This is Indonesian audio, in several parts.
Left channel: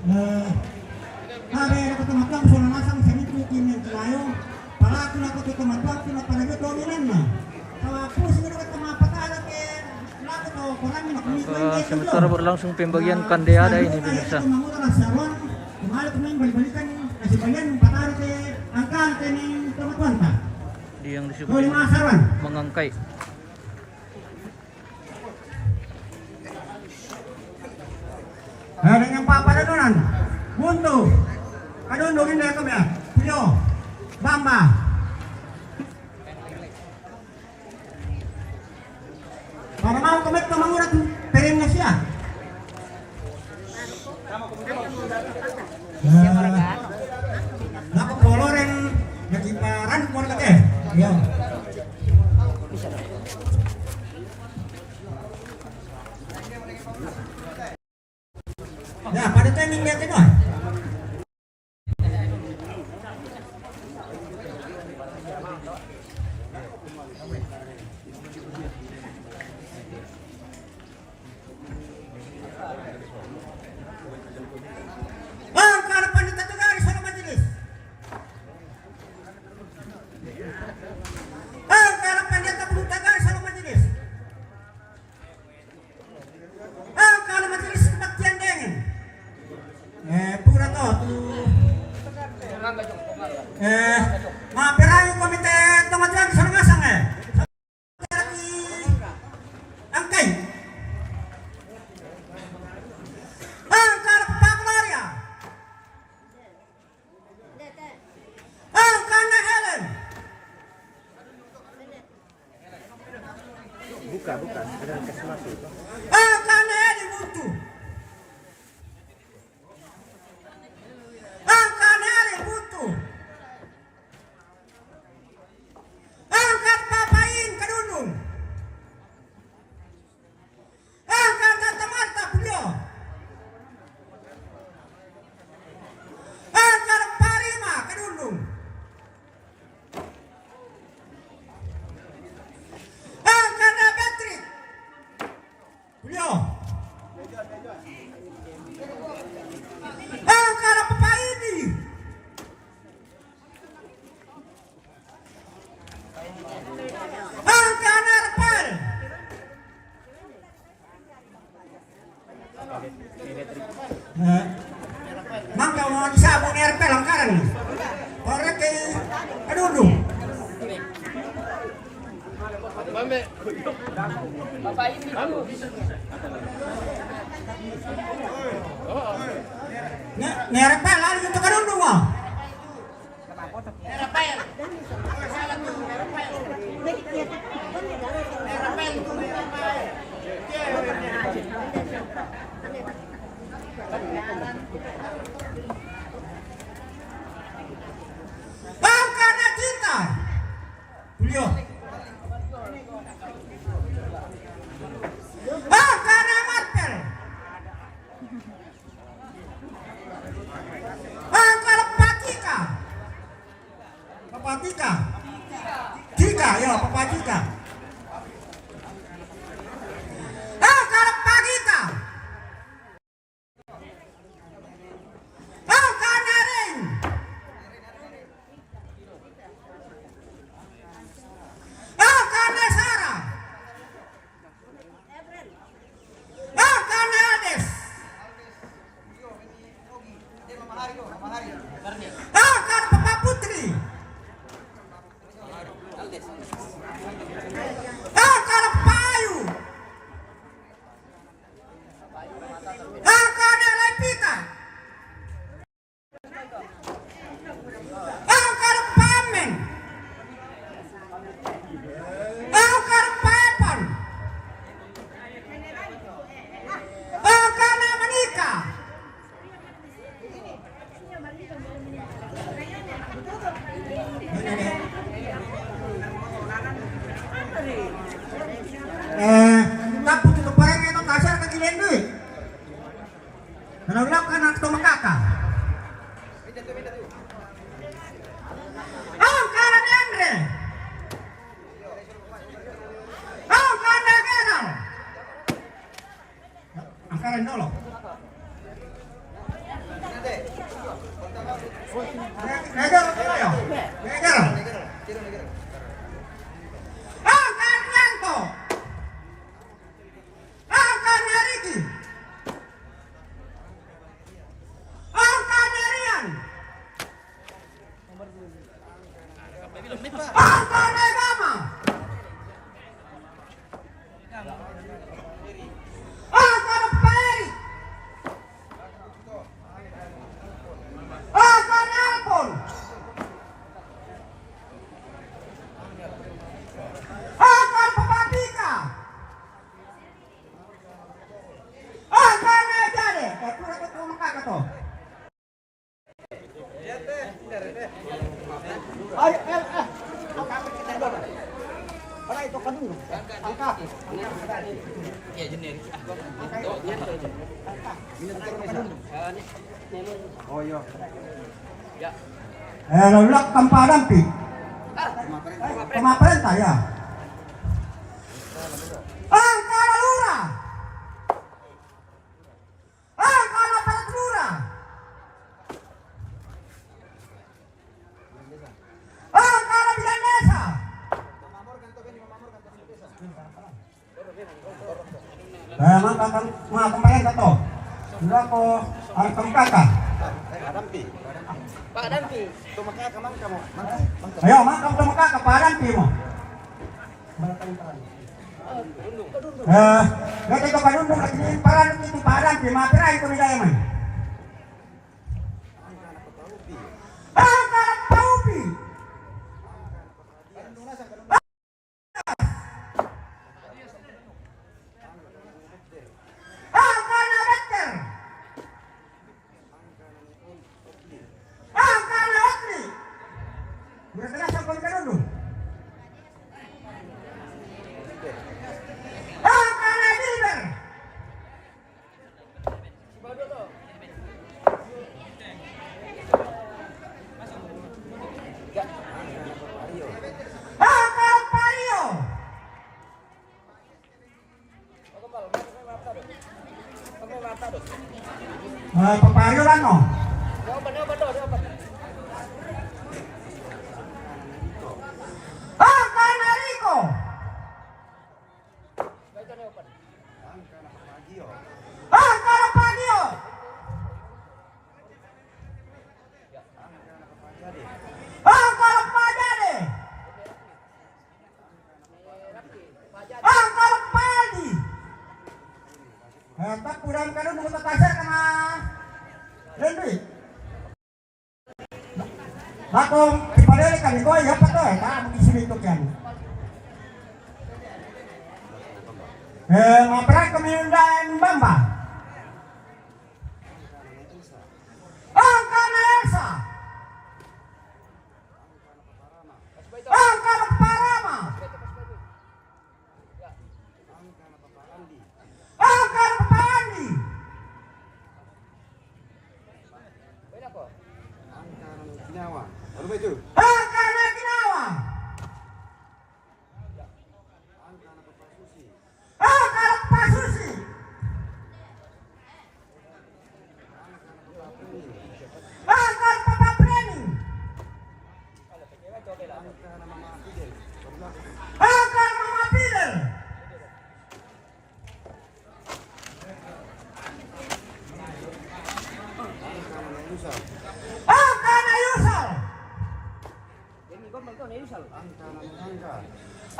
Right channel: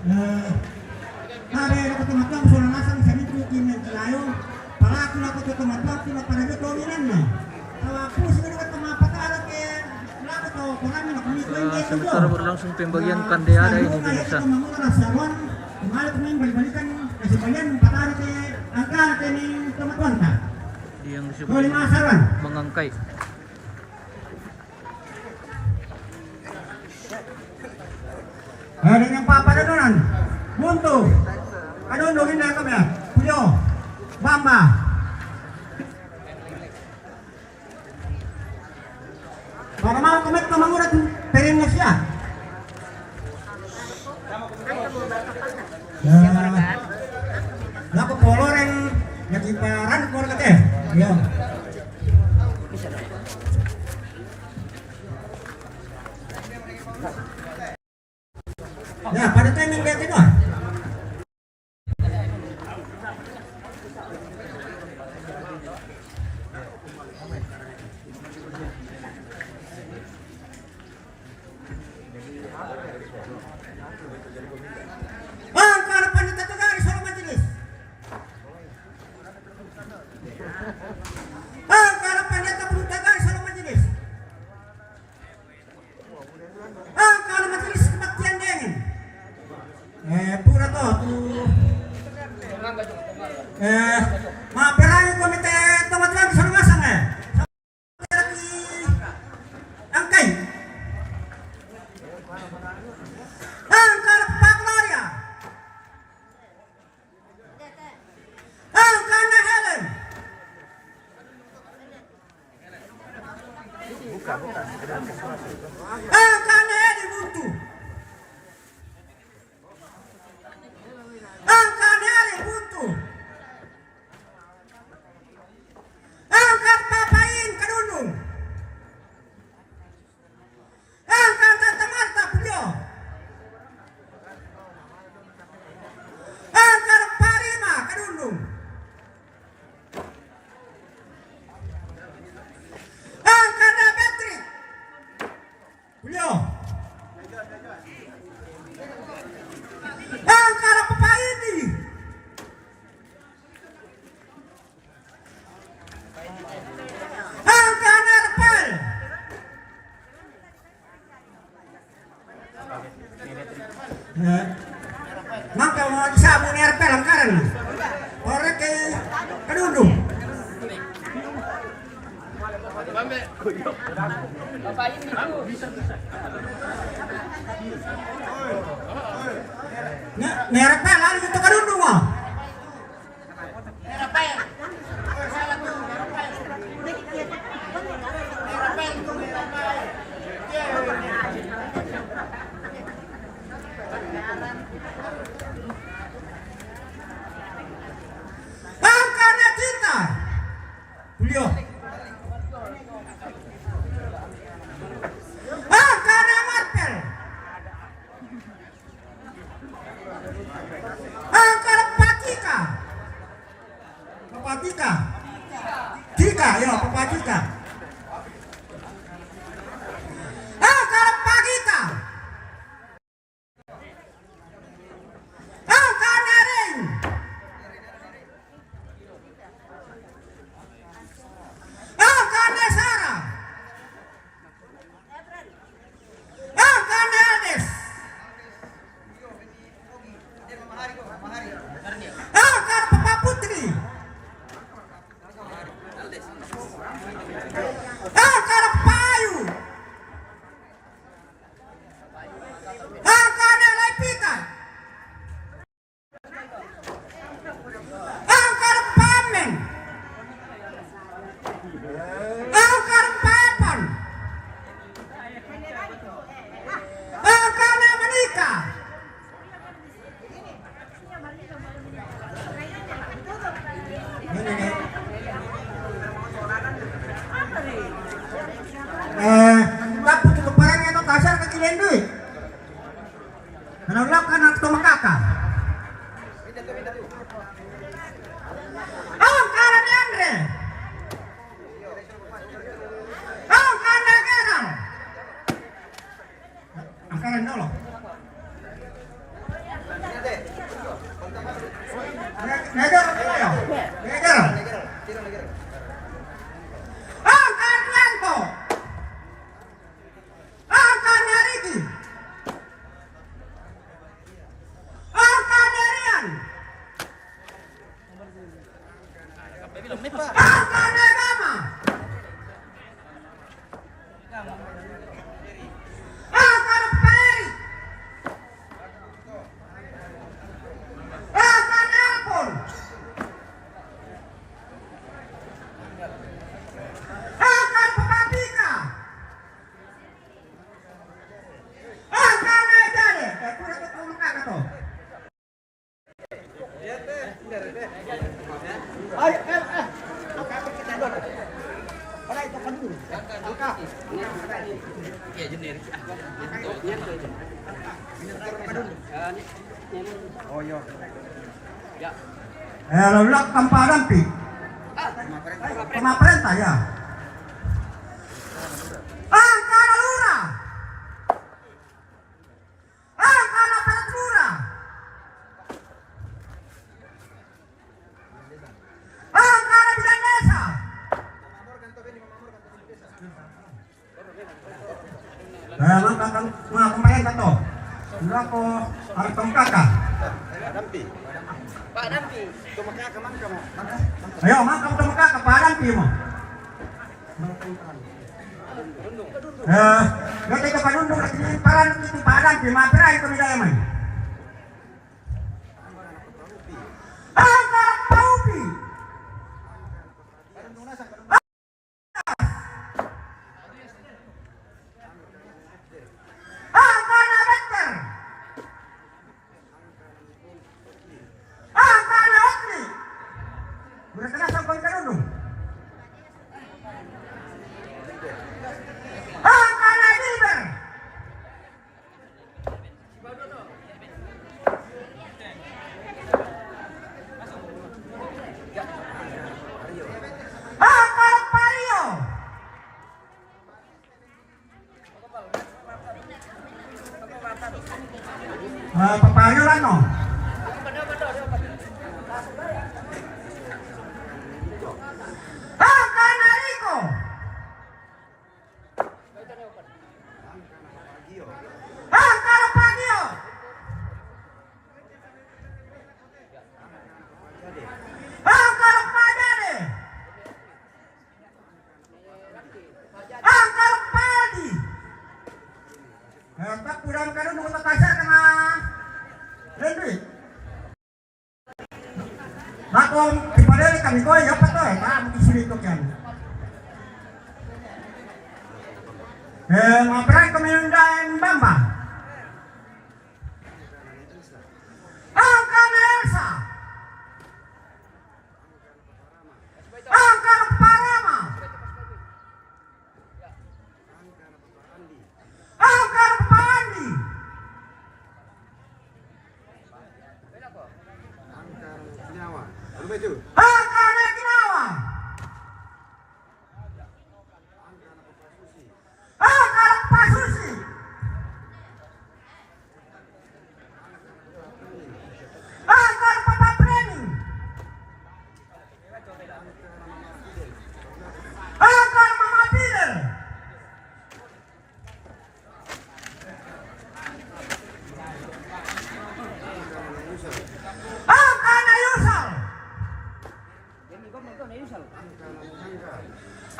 Hari aku tumatang soal nasang sa mitro kimen tayo. Para ako na ko tumatang kina panagot dominan na. Tawa po siguro ka tumapatala ke lago to kurang na kumitin. Sementara berlangsung pembagian kandeada ini pemirsa. Kemarin kemarin balik-balikan kasih bagian patari ke angka tening tumatuan ta. Di yang disebut mengangkai. Ada yang papadadonan. Buntu. Kadundungin na kami. Puyo. Bamba. Para mau komit na mangurat perin na siya. Siapa rekan? Laku koloren yang kiparan kor kate. Yo. Bisa dong. Ya, pada timing dia itu. Mampirayo komite tumatuan di sana masang angkai. Angkar Paglaria. Angkana Helen. Bukan. Angkana Edi Buntu. Angkana Edi Buntu. Angkat papain kadundung. Angkat tatamata puyo. Angkat parima kadundung. Angkat Betri. Puyo. Angkat papaini. Angkat Arpel. Maka mau disabun Arpel angkaran. Korek ke kadundung. Bapak ini tuh. Ni Arpel lalu itu kadundung mo. Angkana kita. Julio. Angkana Martel. Angkana Patika. Patika. Tika, ya Patika. Angkana Pagita. Angkana Ring. Angkana Sarah. Angkana Ades. Angkana Papa Putri. Angkana Payu. Angkana Lepita. Angkana Pamen. Angkana Papan. Angkana Manika. Tapi tutup barangnya itu kasar kecilin duit. Menolak kan atau makaka. Angkana Andre. Angkana Genal. Angkana dulu. Negero kayo. Negero. Angka Rianto. Angka Ricky. Angka Rian. Angka Negama. Angka Peri. Angka Nelpon. Angka Papapika. Angka Nejade. Pura ko makaka to. Ay, ang kapit kita doon. Para ito ka dun. Angka. Ya generik. Oh, yo. Ya. Lulak Kamparampi. Kumaprenta ya. Angka Lura. Angka Patrura. Angka Bilanesa. Mga kumain to. Dula ko ang pangkaka. Pak Dampi. Ayo, makam to makaka Parampi mo. Gati ka panundong at hindi parang ito Parampi, mapiray ko nila yaman. Angka Paupi. Angka Nabetter. Angka Naotli. Berasa nasang pangka dulu. Angka Nadiber. Angka Pario. Papario lang no. Angka Narico. Angka Pagio. Angka Pajade. Angka Padi. Tak kurang kalau mau kasar sama Henry. Bakong ipadali kami ko ya pato para mukisili to kan. Ngapray kami nundan Bamba. Angka Elsa. Angka Parama. Angka Pandi. Angka Nakinawa. Angka Pasusi. Angka Papa Preni. Angka Mama Bill. Angka Nayusal.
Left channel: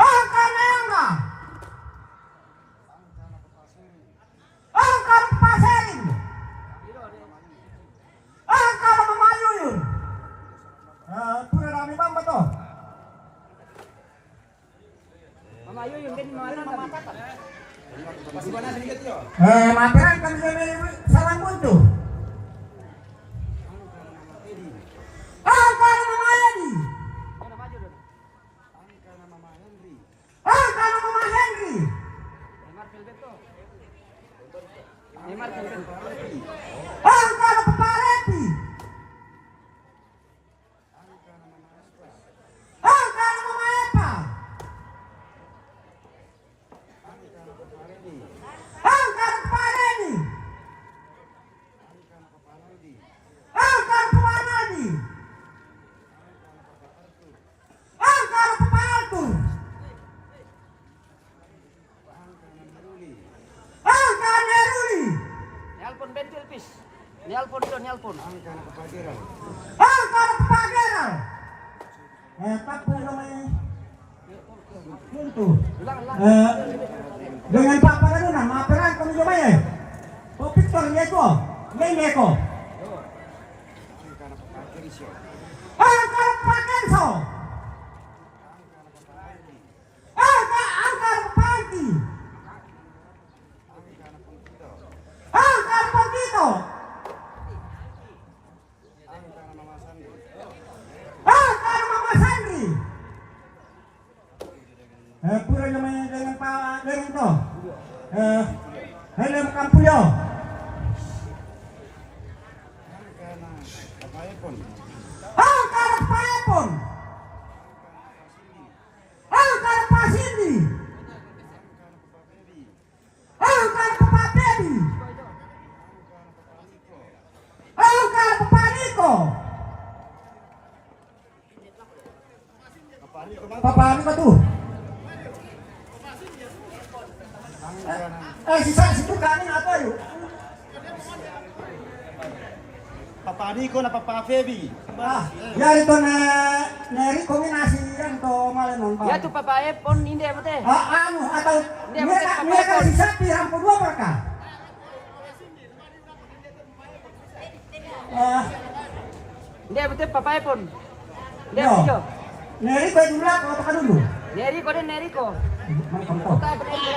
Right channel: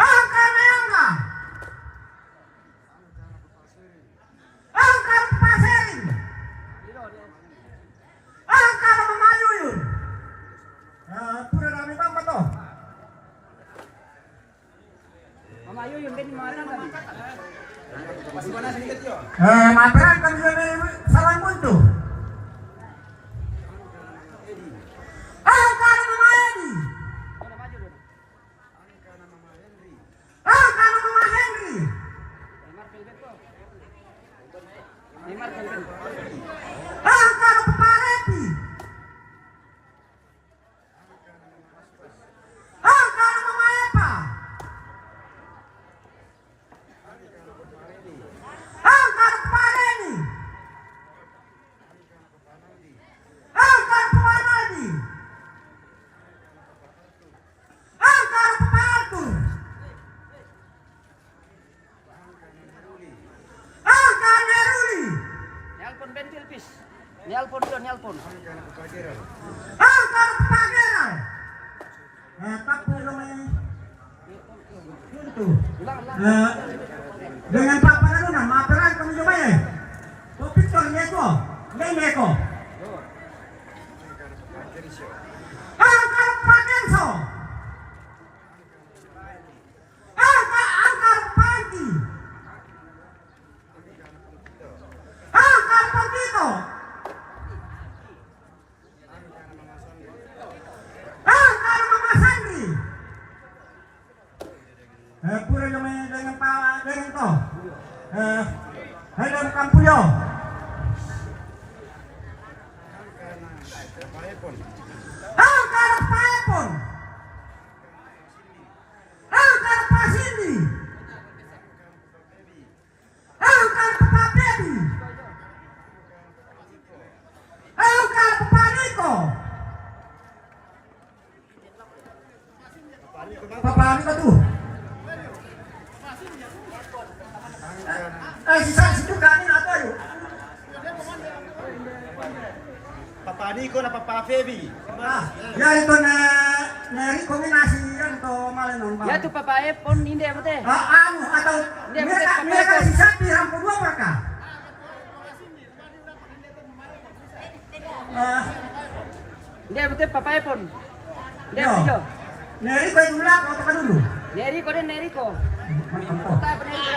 Angka Nayangga. Angka Paserin. Angka Mamayuyun. Pura rami Bamba to. Mamayo yung din mga alam kami. Mapiran kami sa mundo. Angka Mama Edi. Angka Mama Henry. Angka Papa Repi. Angka Mama Epa. Angka Papa Reni. Angka Papa Nadi. Luis. Nialpon dulu, nialpon. Angkar Pagera. Tapo naman yun. Ulang, ulang. Dengan Pak Panarunan, maaperan kami coba ya. Oh, Victor, Neko. Neko. Angkar Pagenso. Angkar Pagi. Angkar Pagito. Angkar Mama Sandi. Pura namanya dengan Pak dengan to. Helm Kampuyo. Angkar Paepon. Angkar Pasindi. Angkar Papebi. Angkar Paniko. Papa Niko tuh. Sisa juga ini apa yuk? Papa Niko na Papa Febi. Ya itu neri kombinasi yang to malenon. Ya tuh Papa Epon ini apa teh? Anu atau Dia betul, Papa mereka Epon. sisa di rampu dua mereka. Dia betul Papa Epon. Dia Yo. betul. Neri kau dulu atau tekan dulu? Neriko deh Neriko. Kota apa Neriko?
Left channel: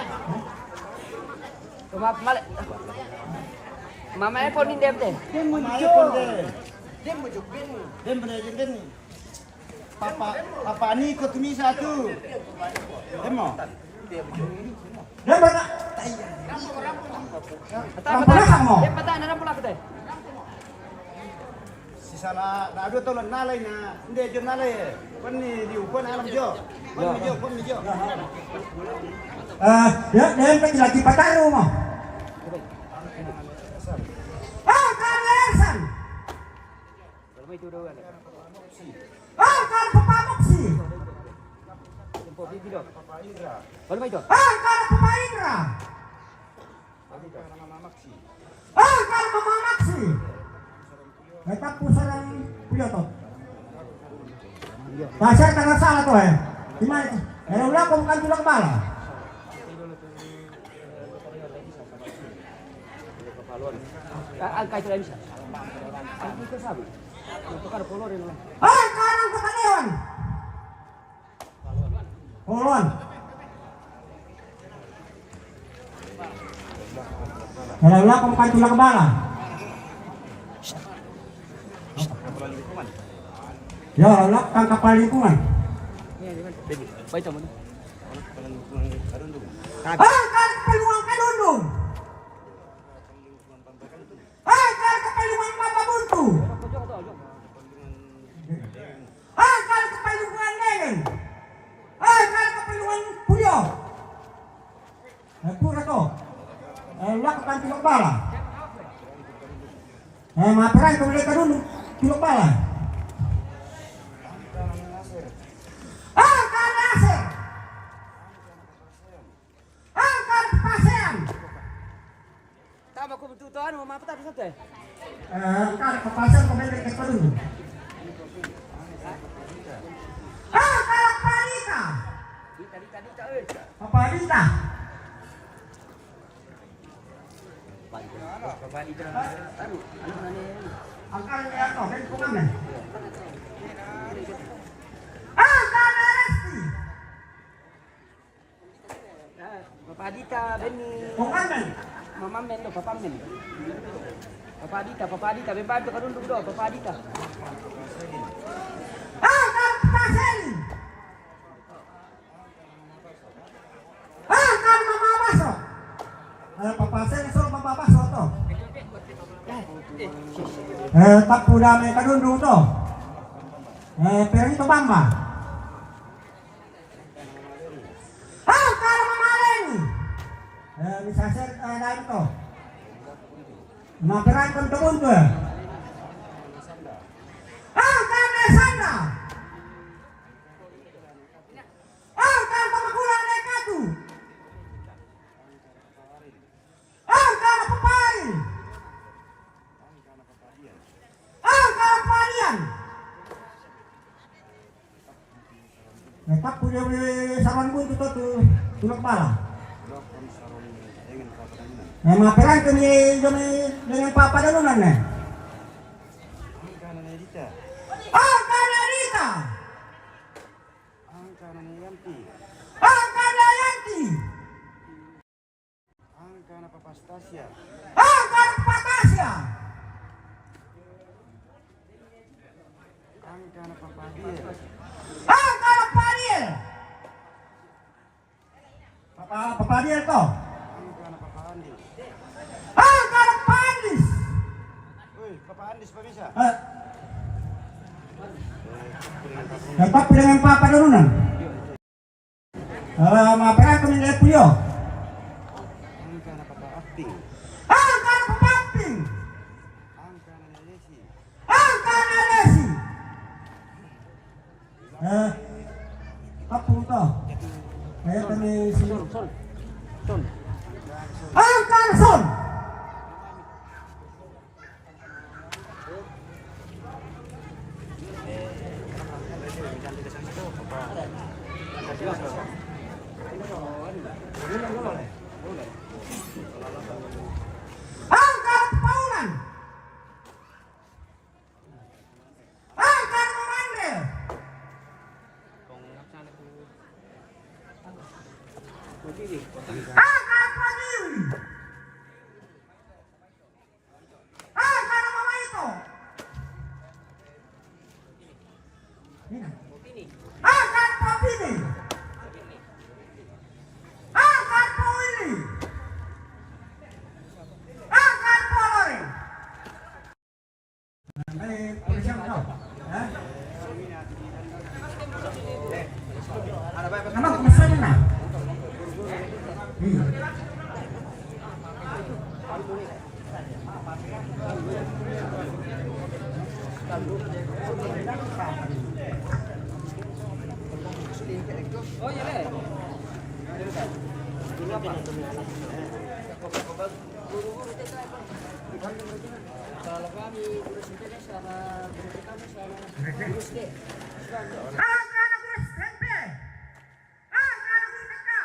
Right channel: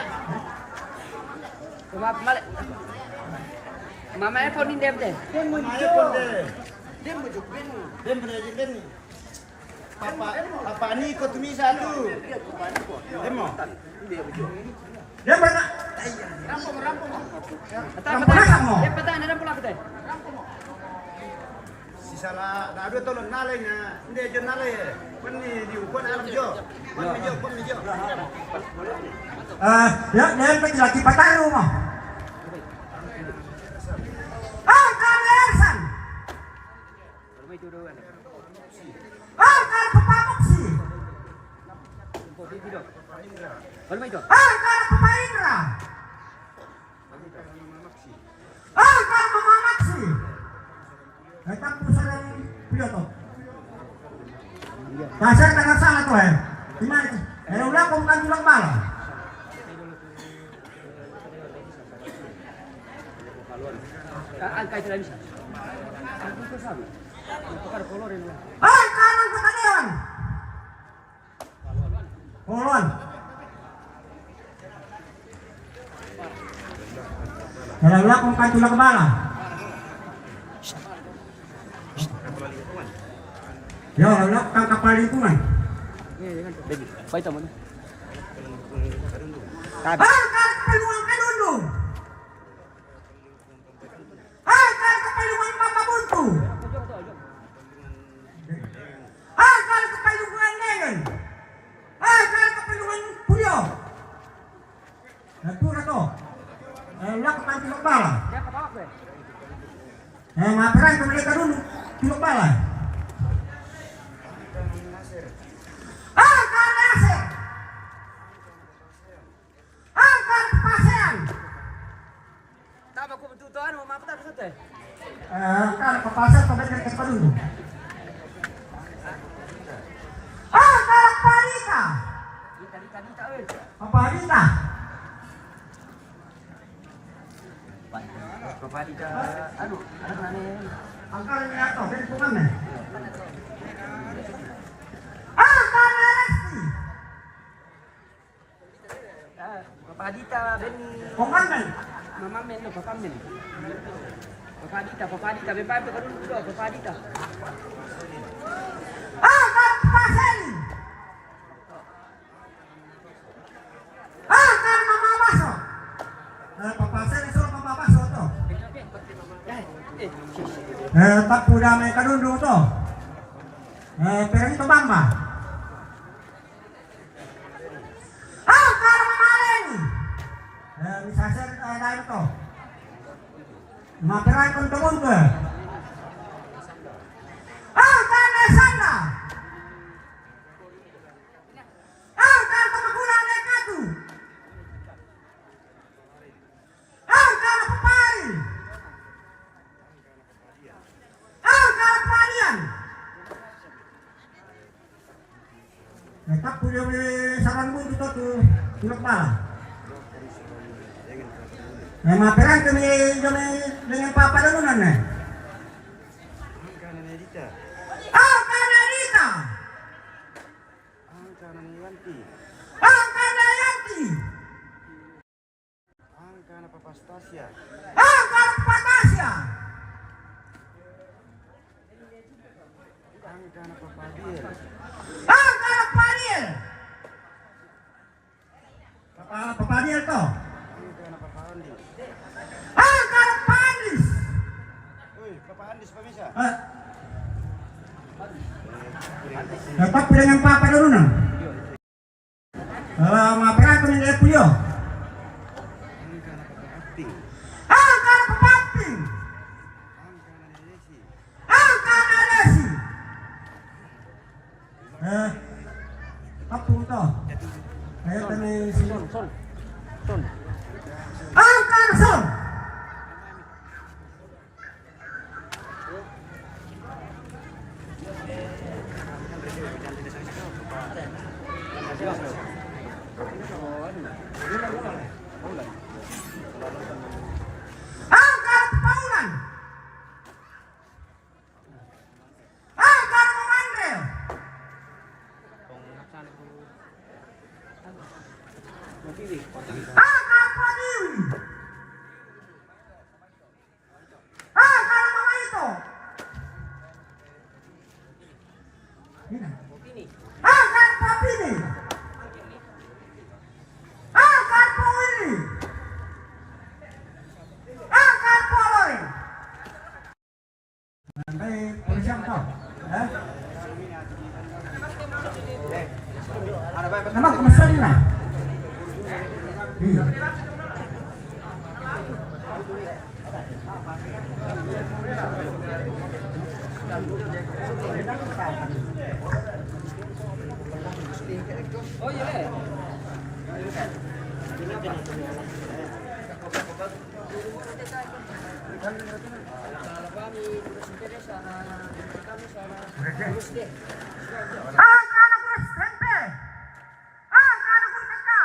Maaf male. Mama Epon ini dia betul. Maya ponde. Dem bener ni. Papa Niko tumi satu. Demo. Dia berapa? Dia patah ada pula betul. Sisala da ado tolong nalai na. Inde jo nalai. Kan ni di ukon alam jo. Kon mi jo. Dia pergi lagi pataru mah. Karesan. Kalau itu dulu kan. Kan Papamuksi. Tempo video. Kalau itu. Kan Pemaindra. Kan Mama Maksi. Kita pusat video tuh. Dasar karena salah tuh ya. Ini udah kau bukan tulang bala. Angka itu dah bisa. Angka itu sabi. Itu kan kolor ini lah. Kanan Pertanian. Kolon. Kalau udah kau bukan tulang bala. Ya, udah tangkap kapal lingkungan. Baby, baik teman. Kan peluang Kadundung. Kan peluang Mama Buntu. Kan peluang Nengen. Kan peluang Puyo. Pura to. Udah tampil kepala. Materai ke mereka dulu. Pilok bala. Kan Nasir. Kan Pasean. Tak aku betul-betul mau apa tak betul teh? Kan Pasean ke mereka ke dulu. Kan Panita. Tadi tak weh. Panita. Bapak Ida, aduh, mana? Angkat atau dari pokoknya. Angkat Resti. Bapak Adita, Benny. Pokoknya. Mama Men, Bapak Men. Bapak Adita, Bapak itu kan dulu doa, Bapak Adita. Angkat Paseli. Angkat Mama Baso. Papa Paseli suruh Papa Baso tuh. Tak pudah mereka dulu tuh. Peri itu Bamba. Angkat Mama Leni. Bisa saya ada itu. Mageran teman ke. Angkat Nesanda. Angkat Pemakulan Nekatu. Angkat Pepari. tak punya saran gue itu tuh tulak bala. Maperan kami dengan papa dulu nana. Angka Nadita. Angka Nadita. Angka Yanti. Angka Yanti. Angka Papa Stasia. Angka Patasya. Angka Papa Diel. Angka Padiel. Papa Diel toh. Angka Papa Andi. Angka Pandis. Woi, Papa Andis Pamisa. Dapat dengan papa dulu nang. Maperan kami lihat puyo. Angka Papa Apting. Angka Pamping. Angka Nadesi. Angka Nadesi. Apa itu? Saya tadi sini. Son. Angka Son. Angka Paulan. Angka Mandel. Angka Padiwi. Angka Mama itu. Angka Papini. Angka Powili. Angka Polori. Baik, polisi apa? Nama kemana ni nak? Oh iya deh. Kalau kami urus sendiri sana, kami sana urus deh. Angka anak kurus tempe. Angka anak kurus teka.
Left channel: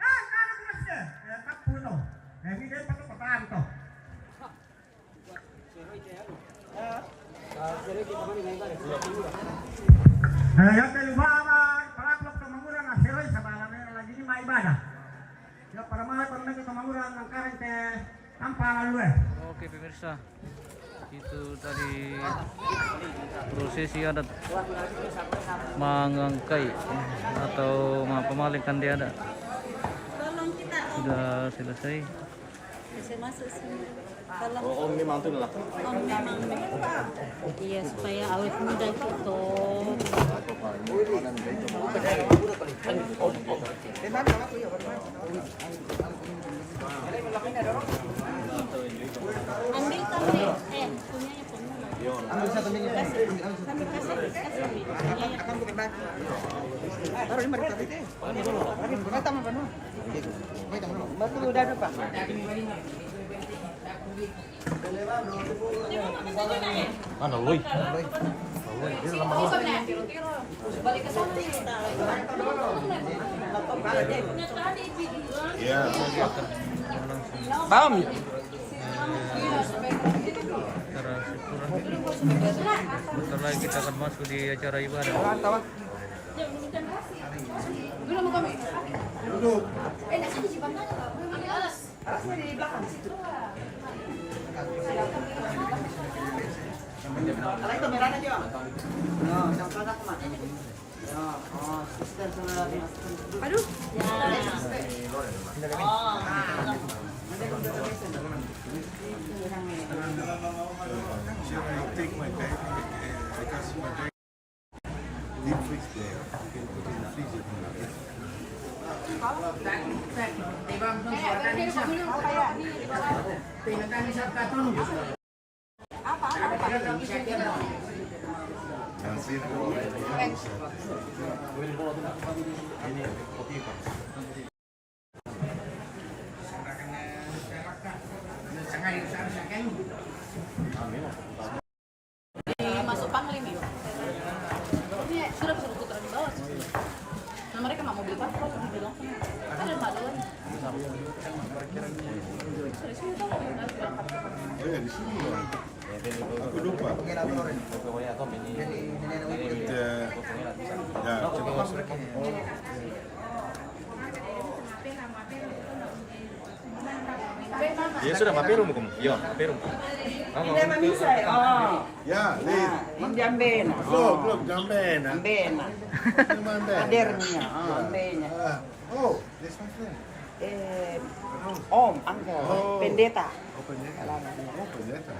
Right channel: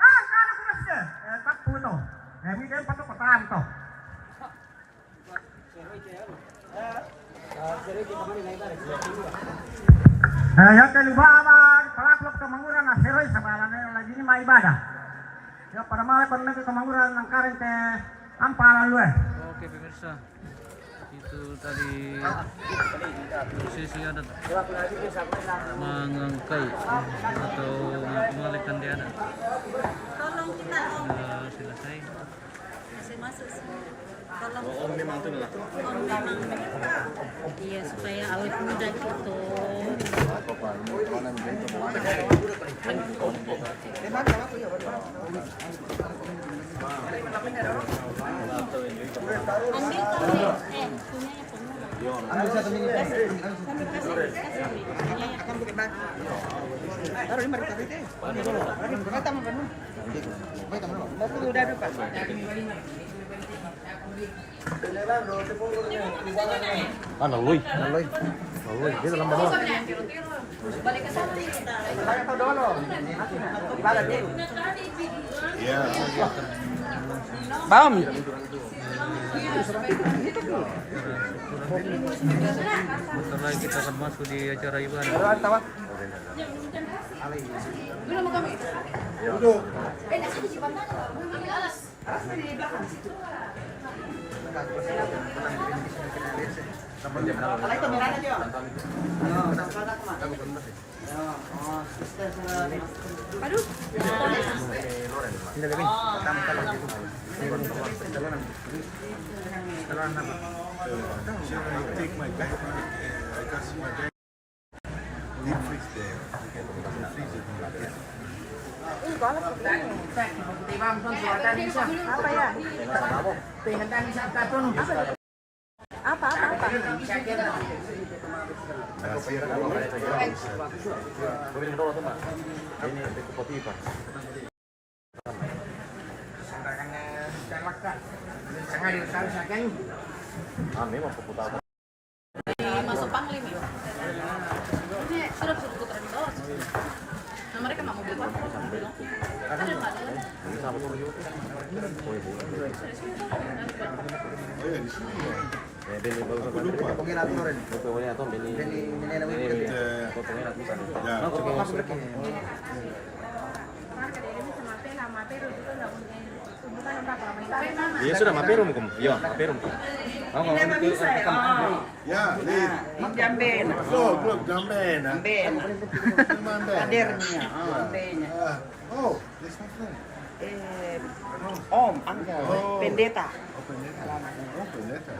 Angka anak kurus deh. Tak puno. Ini dia patut pertahan toh. Yang kelima pelaku kemanguran aseroy sabalan lagi ini mai ibadah. Ya para mai pernah ke kemanguran nang karen teh ampara lu Oke pemirsa, itu tadi prosesi adat mangangkai atau pemalikan dia ada sudah selesai. Masih masuk sini. Kalau Om memang tuh lah. Om memang. Iya supaya awet muda gitu. Ambil kami. Punyanya pemula. Ambil satu minggu. Kasih. Akan bukan baik. Taruh ini baru tadi deh. Kita tambah penuh. Baik tambah. Betul udah ada Pak. Ano, Loy? Balik ke sana. Iya. Paham ya? Bentar lagi kita akan masuk di acara ibadah. Dulu mau kami. Duduk. Nak sini Cipan mana? Ambil alas. Alas di belakang situ. Kalau itu merahnya Jo. Yo, sama-sama Mas. Yo, oh, sister sudah dimasukkan. Aduh. Take my bag. I can see my bag. Deep freeze there. You can put in the freezer. Masuk panglim ya. Sudah suruh putra di bawah. Oh ya di sini ya. Aku lupa. Ya, coba masuk. Ya sudah, maperum kamu. Ya, maperum. Hindi naman isa eh. Oh. Ya, Lid. Hindi ambena. Klok, jambena. Ambena. Gimana? Kadernya. Oh, ambena. Oh, this one thing. Om, uncle. Oh. Pendeta. Oh, pendeta. Oh, pendeta.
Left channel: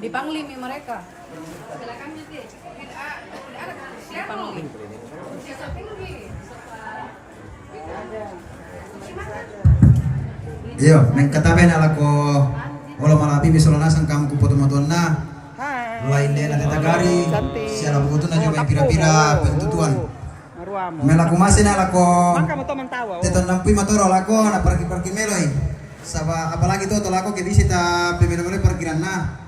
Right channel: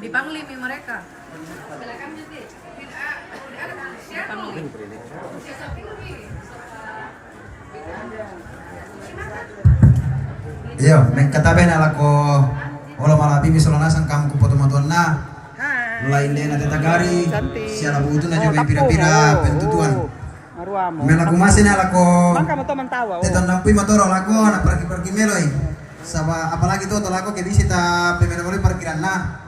Dipanglimi mereka. Dipanglimi. Iyo, katabe na lako olo malapi misolana sang kamu kupoto matonna. Lain na tatagari. Siya buto na juga pira-pira pentutuan. Maruamo. Mela kumasi na lako. Maka mo to mantawa. Teton lampi matoro lako na pergi meloy. Saba apalagi tuh lako ke visita pemene parkiran na.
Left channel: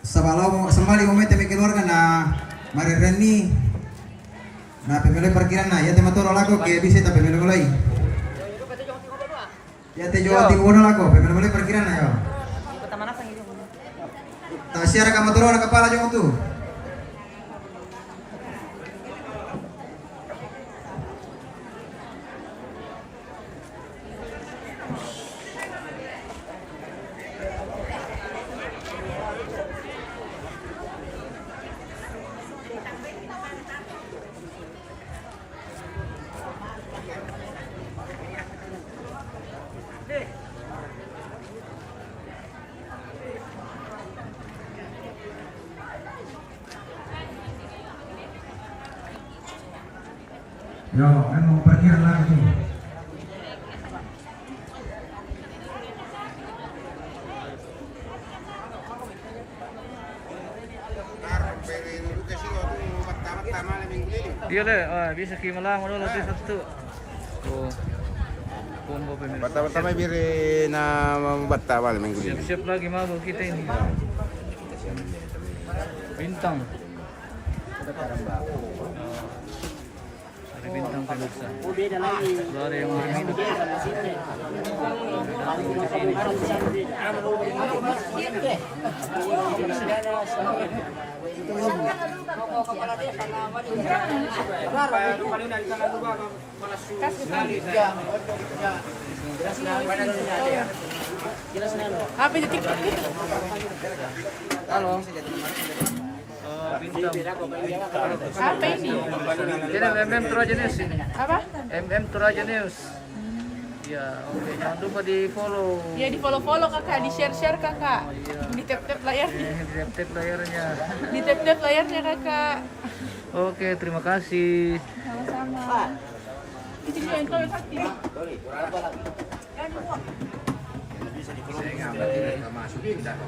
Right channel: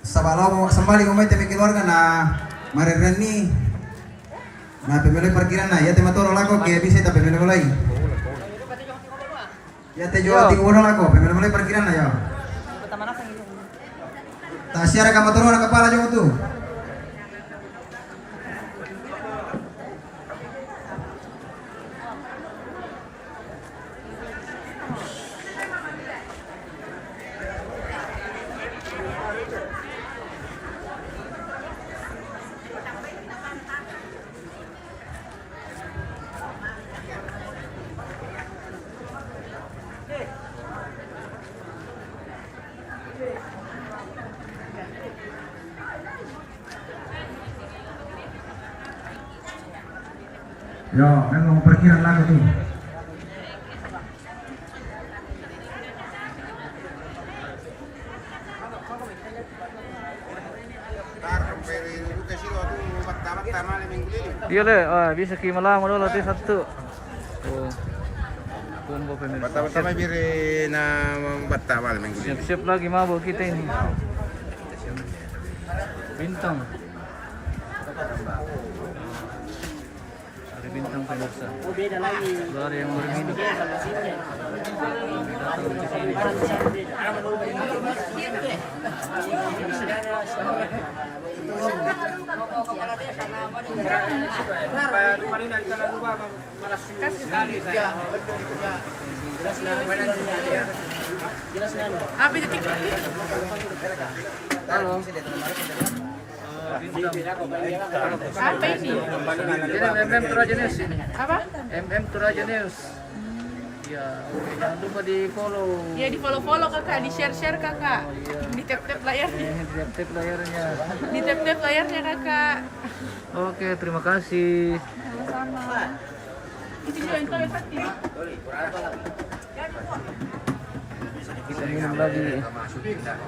Sabalo sembali umay temi keluarga na marereni. Na pemene parkiran na ya tematoro lako ke visita pemene mulai. Ya te yo tingoro lako pemene mulai parkiran na yo. Pertama nasa ngilong. Nah, siara ka matoro na kepala nyo tuh. Yo, kan mau parkiran lagi tuh. Iya le, bisa kimalang mo dulu satu. Oh. Combo pemirsa. Pertama biri na batawan minggu ini. Siap-siap lagi mabuk kita ini. Bintang. Hari bintang pemirsa. Beda lagi. Dari yang berminum. Halo. Apa ini? Ini MM Toraja News ini. Apa? MM Toraja News. Ya, oke, jangan lupa di follow. Ya di follow kakak, di share kakak, di tap layarnya, Di tap layarnya. di tap layarnya kakak. Oke, terima kasih. Sama-sama. Itu juga yang tahu hati. Kita ingin lagi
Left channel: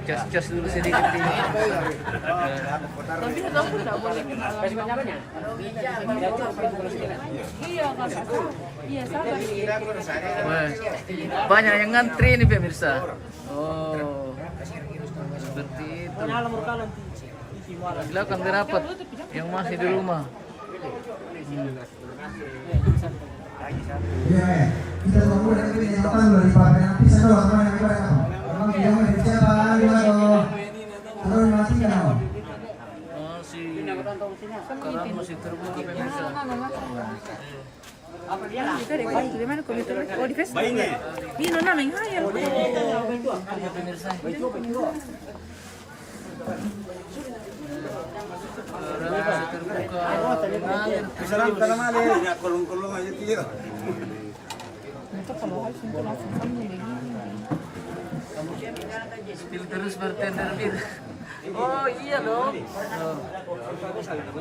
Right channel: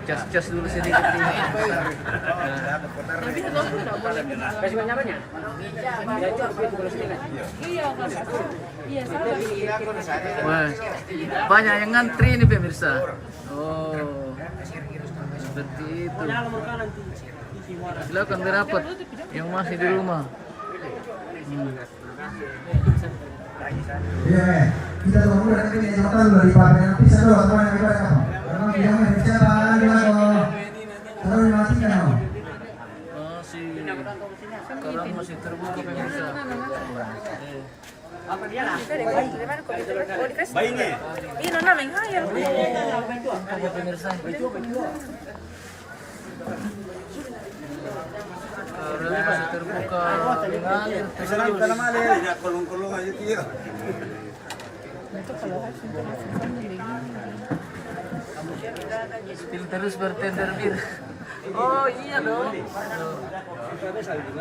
cas dulu sedikit ini. Tapi satu aku tidak boleh kenalan. Iya kakak. Iya sabar. Wah, banyak yang ngantri nih pemirsa. Oh, seperti itu. Silakan berapat yang masih di rumah. Iya, kita tunggu dan ini yang tahu dari partai nanti saya doang sama yang berapa. Memang dia mau bicara gimana kok? Terus masih kan? Sekarang masih terbuka pemirsa. Apa dia lah? Bayinya. Iya nana main hayal. Apa pemirsa? Sekarang masih terbuka. Salam tanam ale. Kolong-kolong aja dia. Spill terus bartender bir. Oh iya dong.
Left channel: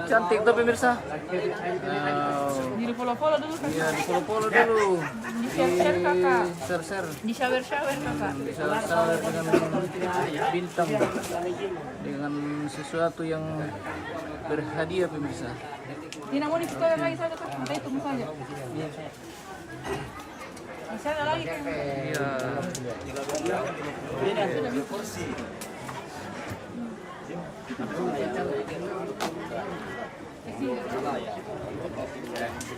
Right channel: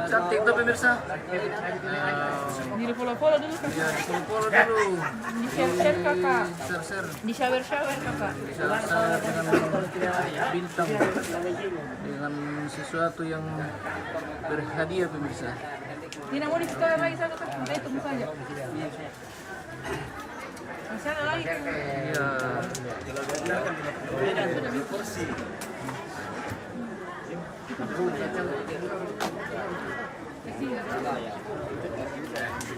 Cantik tuh pemirsa. Di follow dulu kakak. Iya, follow dulu. Di share kakak. Share. Di shower kakak. Shower dengan bintang. Dengan sesuatu yang berhadiah pemirsa. Tidak mau di-store lagi satu kak. Nanti tunggu saja. Bisa ada lagi kan? Iya.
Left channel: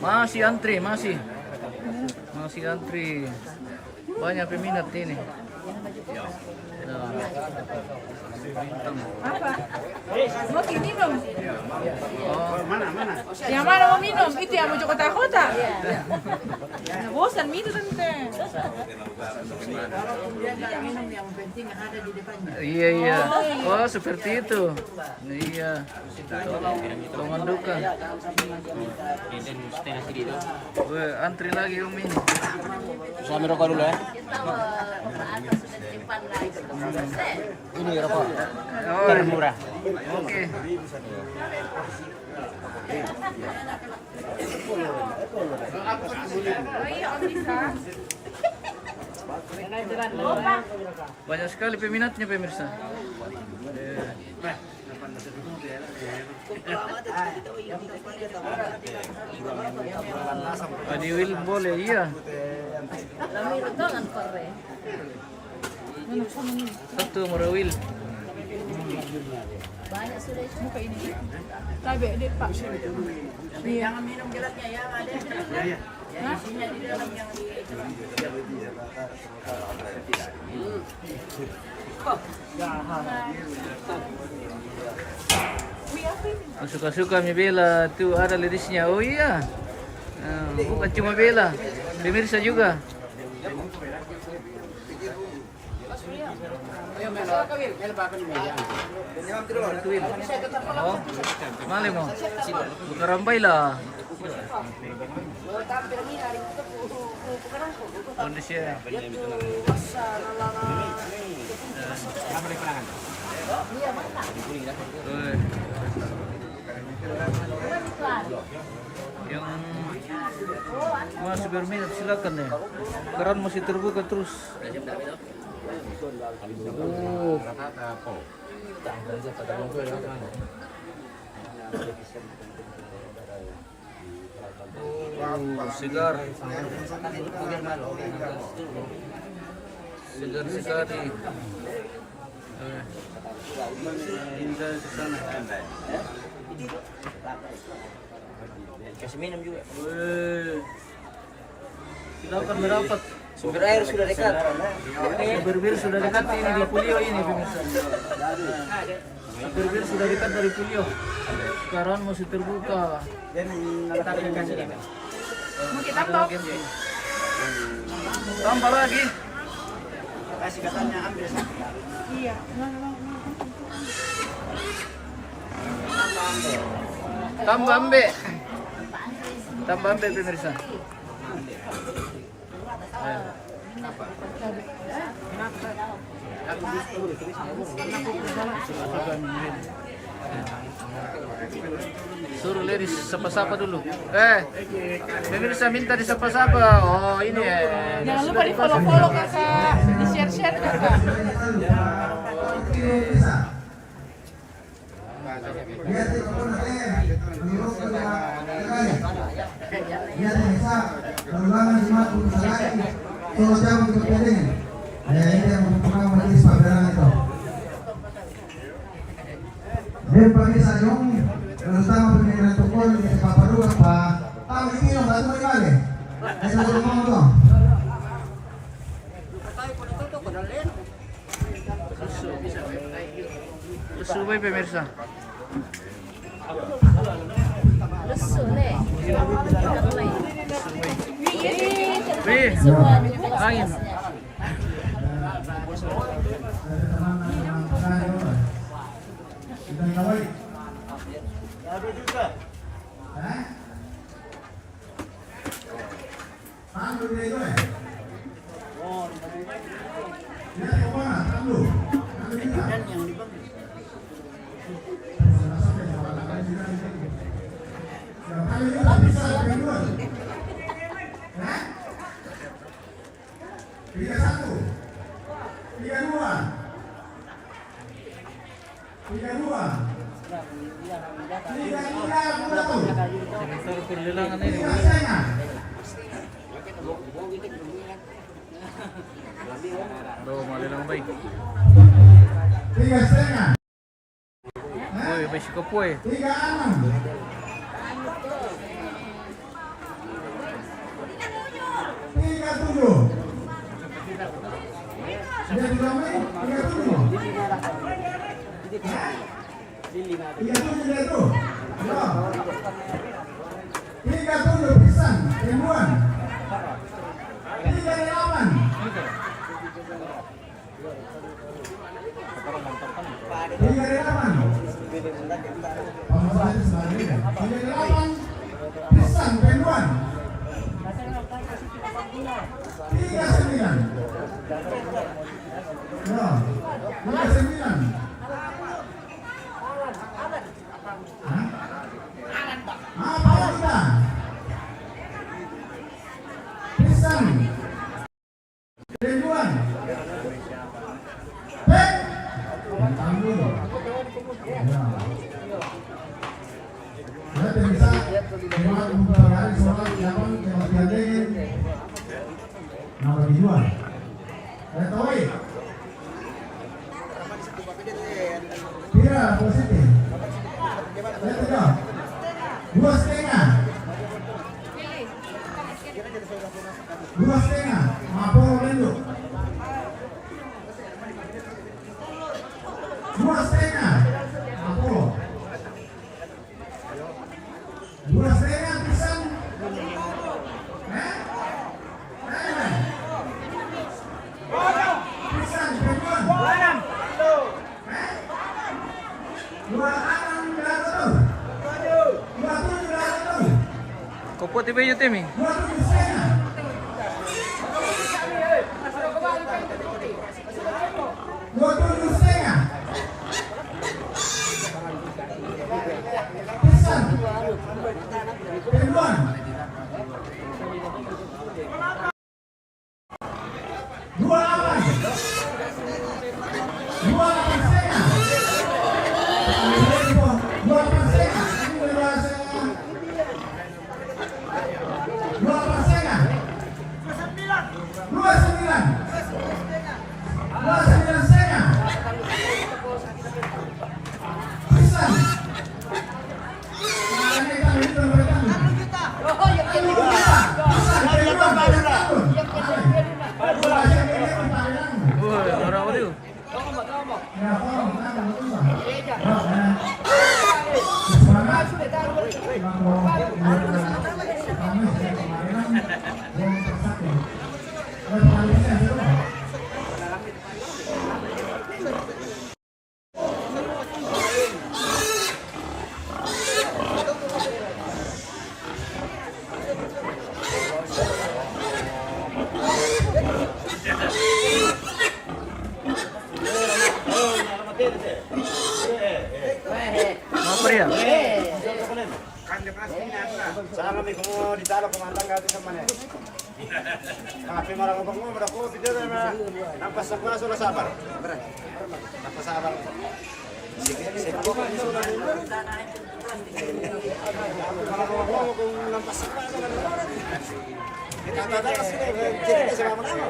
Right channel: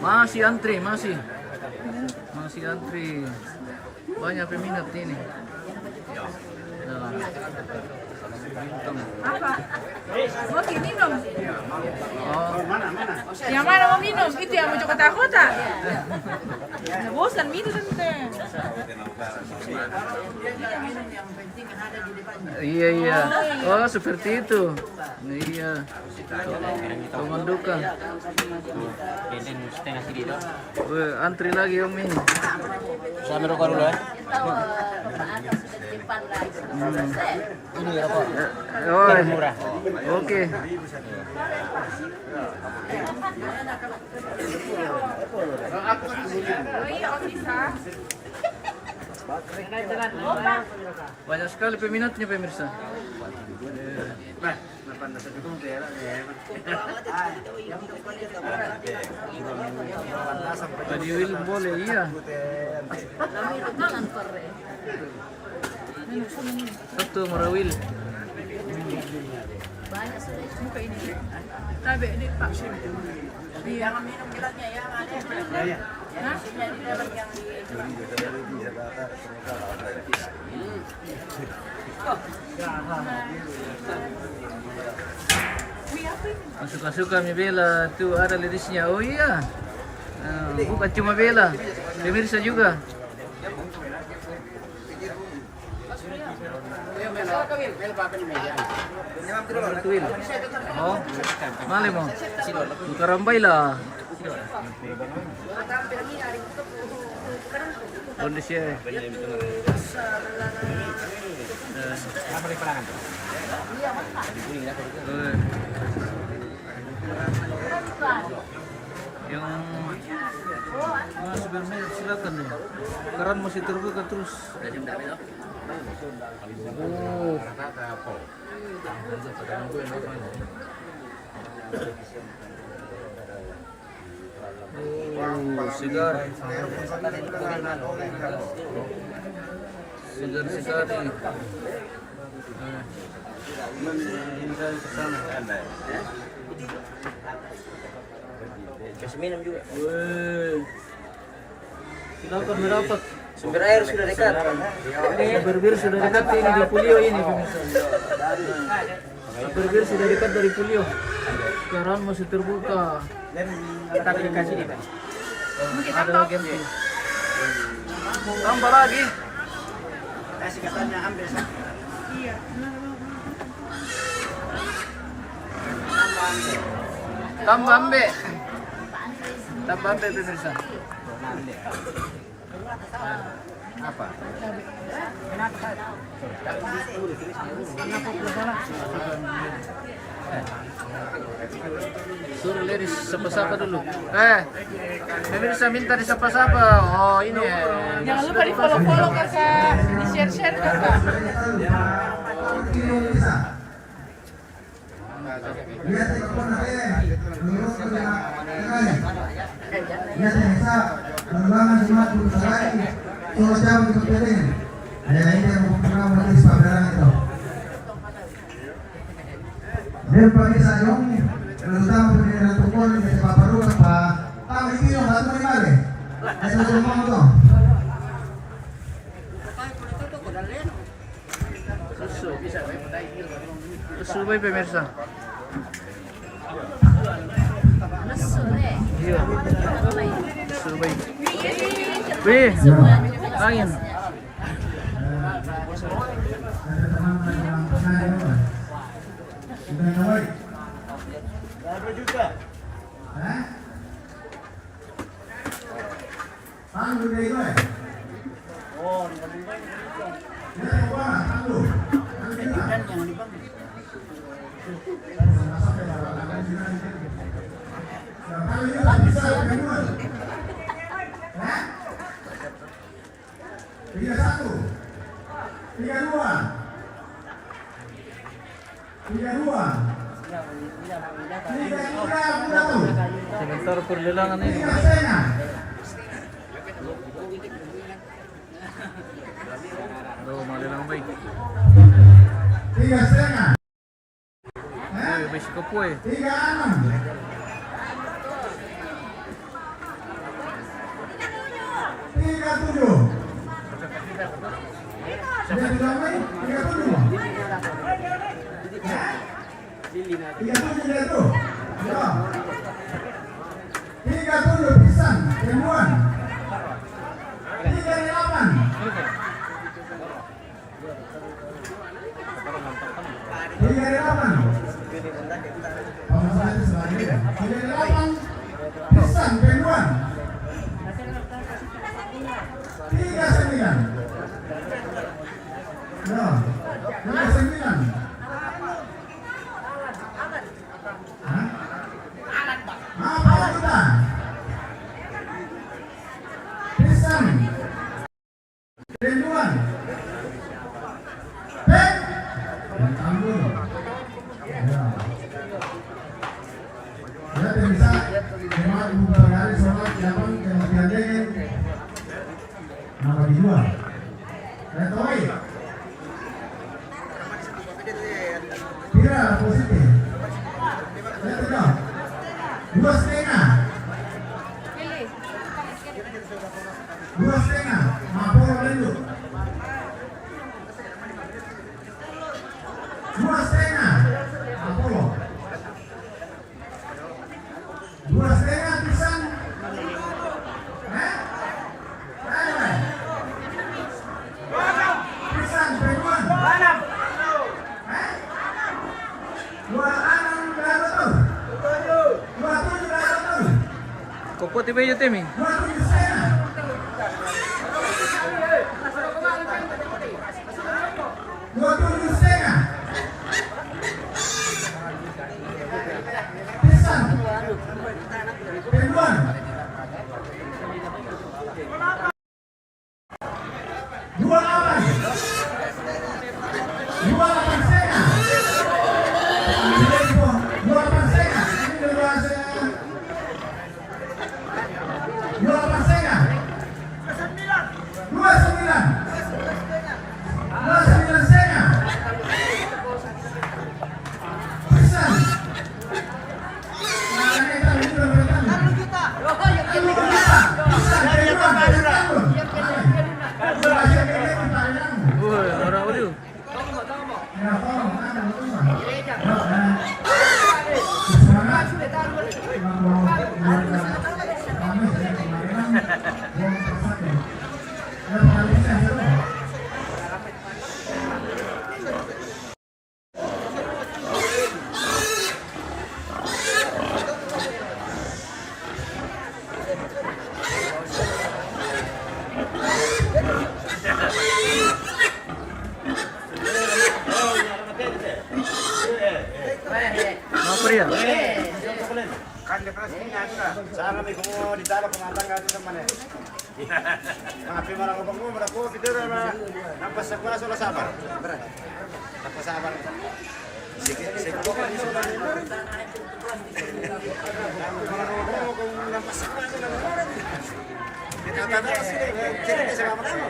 Masih antri, masih antri. Banyak peminat ini. Nah. Apa? Mau minum? Oh, Yang mana mau minum? Itu yang mau kota-kota. Nah, bosan minum tante. iya. Oh, seperti itu. Iya. Tolong duka. Weh, antri lagi Om ini. Saya merokok dulu ya. Ini rokok. Oh, Murah. oke. Banyak sekali peminatnya pemirsa. Adi Will boleh, iya. Satu Morawil. Muka ini. Tabe, dek Pak. Jangan minum gelasnya ya. Ya. Hah? Suka-suka mi Bella tuh ada ladiesnya. Oh iya. Bukan cuma Bella, pemirsa juga. Tuil. Oh, mali mo. Bukarambay lah. Kondisi. Yang masih berminat silakan ya. Keran masih terbuka terus. Oh. Segar. Segar sekali. Hingga ke sana. Kasih minum juga. Silakan merapat. Sumber air sudah dekat. Sumber bir sudah dekat ini di Pulio ini pemirsa. Sumber bir sudah dekat dari Pulio. Sekarang masih terbuka. Ada lagi. Tambah lagi. Kasih katanya ambil satu. Iya. Tambah ambe. Tambah ambe pemirsa. Suruh ladies sapa-sapa dulu. Pemirsa minta disapa-sapa. Oh ini. Jangan lupa di follow kakak, di share kakak. Dan pemirsa dong, terutama pemirsa tukul di Paparuan Pak, tahu ini yang batu di kali. Saya sudah mau dong. Susu baik pemirsa. Lesu deh. Iya. Susu baik. Wih, angin. Ada juga. Anggur deh itu. Oh, Dan yang dibangun. Sebentar perlelangan ini. Bro, malelang baik. 3,5. Woi, baik sekopoi. 3,6. 37 dah tu. Ya. 37 pisan ribuan. 38. Pisan ribuan. 39. Ya. 39. Apa kita? Pisan ribuan. Pek. Tanggung. Ya. Ya bisa. Lewat beberapa hari sholat jaman kemudian deh. Nama dijual. Saya tahu. Tidak positif. Saya tidak. 2,5. 2,5. Mapol lanjut. 2,5. Apollo. 2,5 pisan. Pisan ribuan. 26 berapa tuh? 27 berapa tuh? Kopo tiba yo temi. 27,5. 27,5. Pisan ribuan. Sana may kumo ditalo kumandang gato sa mane. Mga pimarang ubang mo, mara ko pidero na nampasak na sa sabar. Napasabar. Sige, sige ko ni sa mane. Pimarang ubang mo kung nampasak na sa mane. Dikata kasi jadi sa mane.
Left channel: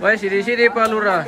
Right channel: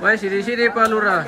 Wah, sini-sini Pak Lurah.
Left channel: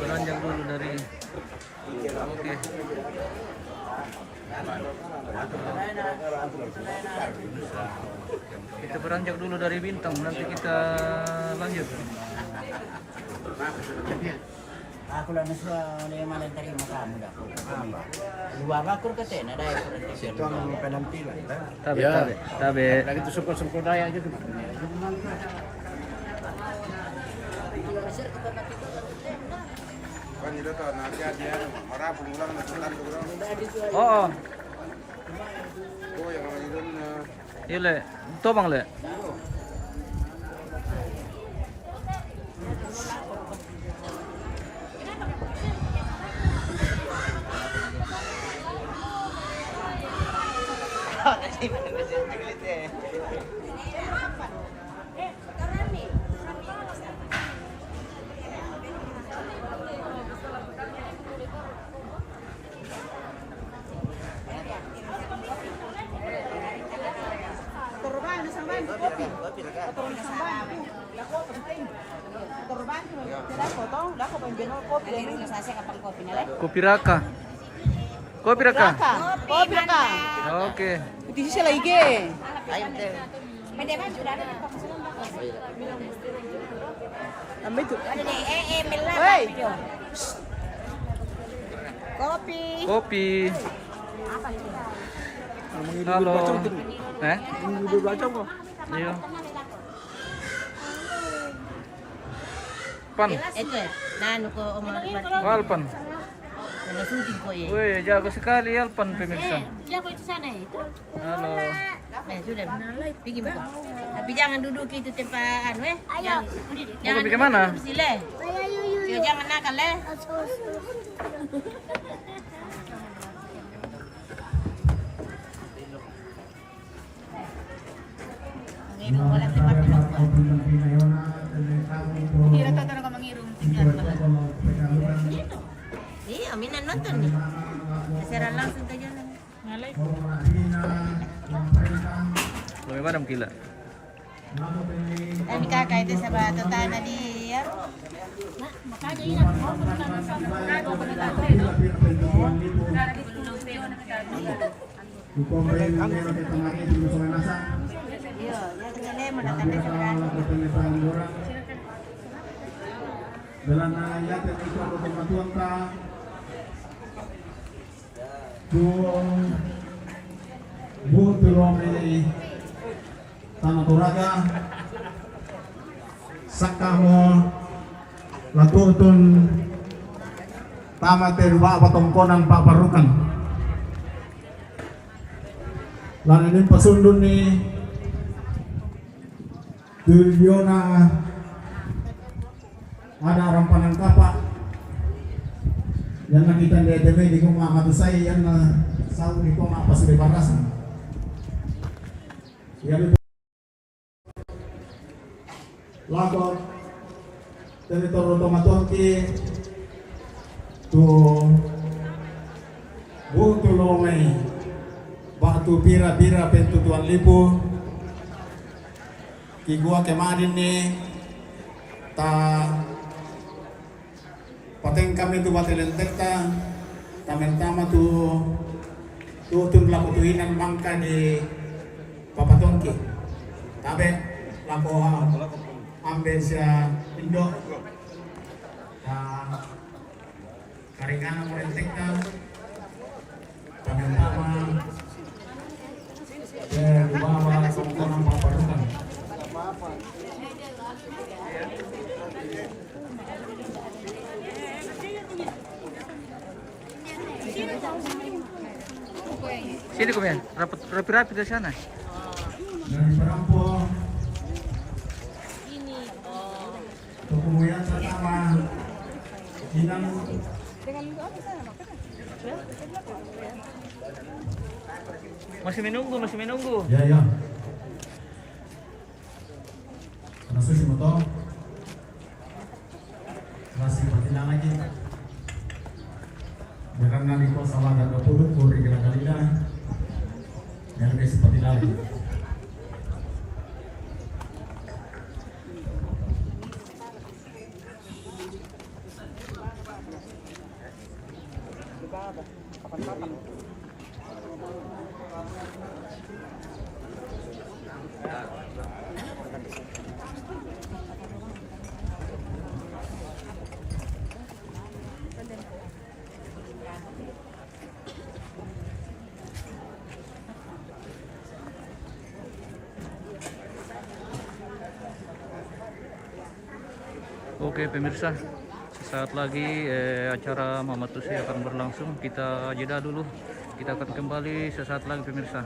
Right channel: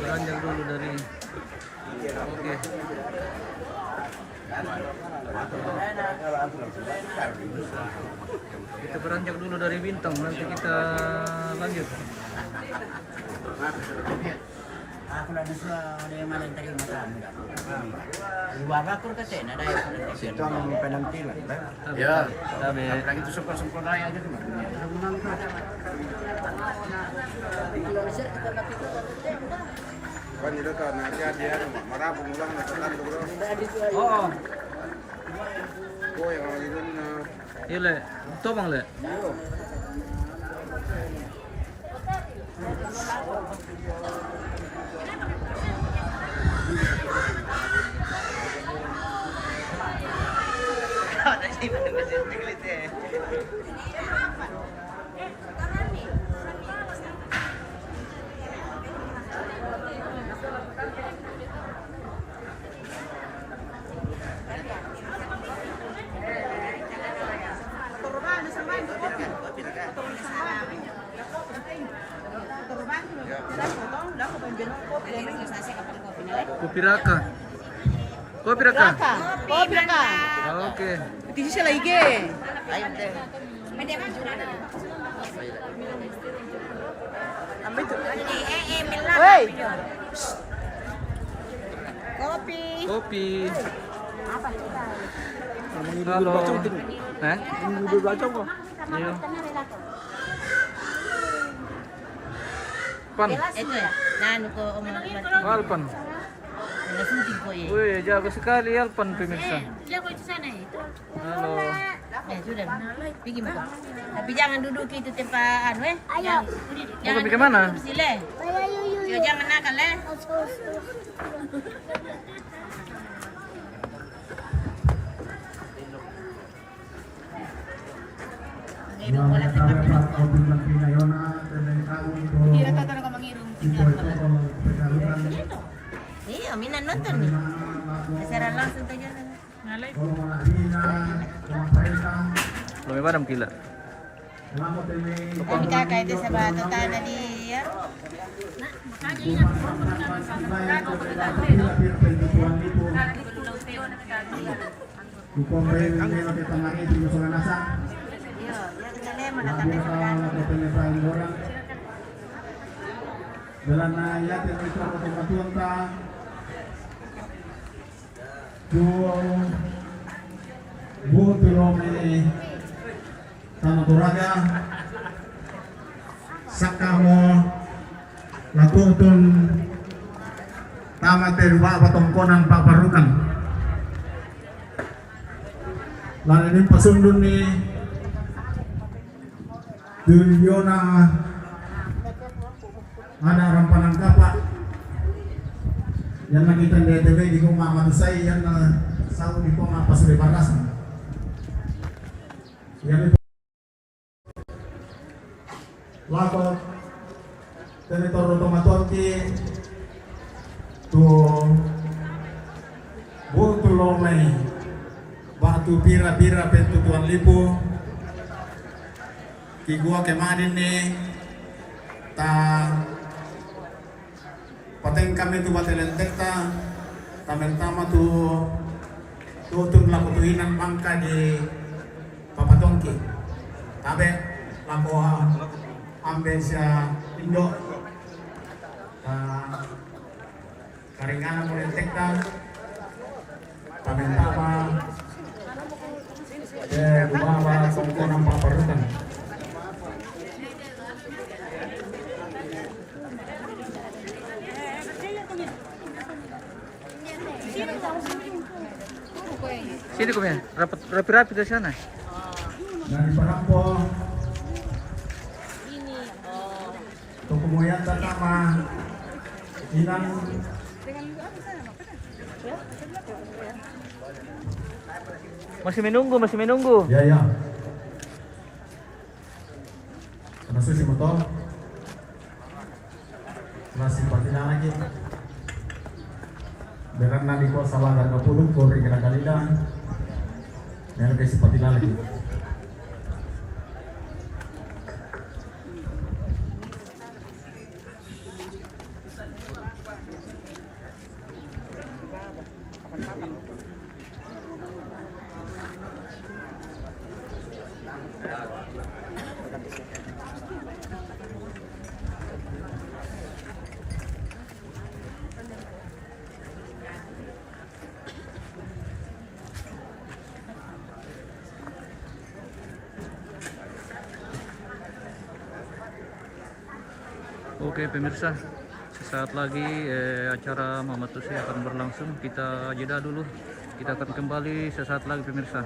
Beranjak dulu dari oke. Kita beranjak dulu dari Bintang, nanti kita lanjut. Aku lang sa malang tali makan enggak. Luar aku kata na dai Ito ang penampilan. Ya, tabe. Itu sempurna raya aja tuh. Kan itu tuh nanti dia marah pengulang masakan pengulang. Oh, Oh yang ini iya le, to bang le. Kopi Raka. Kopi Raka. Kopi Raka. Oke. Di sisi lagi. Ambil itu. Woi. Kopi. Kopi. Halo. Iya. Pan. Itu ya. Nanu ko Alpan. syuting po eh. Wih, jago sekali Alpan pemirsa. Dia kok itu sana itu. Halo. Sudah. Pergi mo ko. Tapi jangan duduk itu tempat anu Jangan. Mau pergi kemana? Sile. Jangan nakal Ngirong wala tempat duduk po. Hindi na tatanong ka mangirong tingnan ka. Iya, minan nonton nih. Keseran langsung tanya. Ngalay. Lumay madam kila. Kami kakak itu sa bato tanah dia. Dalam ayat yang itu kematuan ta Butulome tanah toraga sakamo latutun tama terwa patongkonan paparukan lan ini pasundun ni Duryona ada orang Panangkapa yang nakita di TV di Kuma Matusay yan na sa di Kuma Pasuri Batasan yan ito lagot teritori Tomatoki to Butulomay batu bira-bira pentutuan lipo kigua kemarin ni ta pateng kami tu batelan tekta tamen tama tu tutun laku tuinan bangka di Papatongki tabe laku ambil sia indo karingana mo tekta tamen tama kumawa kung paparutan Sini kau ya, rapi-rapi dari sana. Dari Parampo Tukumuyan Tatama Inan Masih menunggu. Ya masih si motor masih pakai lagi dengan nali ko salah dan berpuluh ko beri kali dah yang lebih seperti lagi Oke pemirsa, sesaat lagi acara Mama Tusi akan berlangsung. Kita jeda dulu. Kita akan kembali sesaat lagi pemirsa.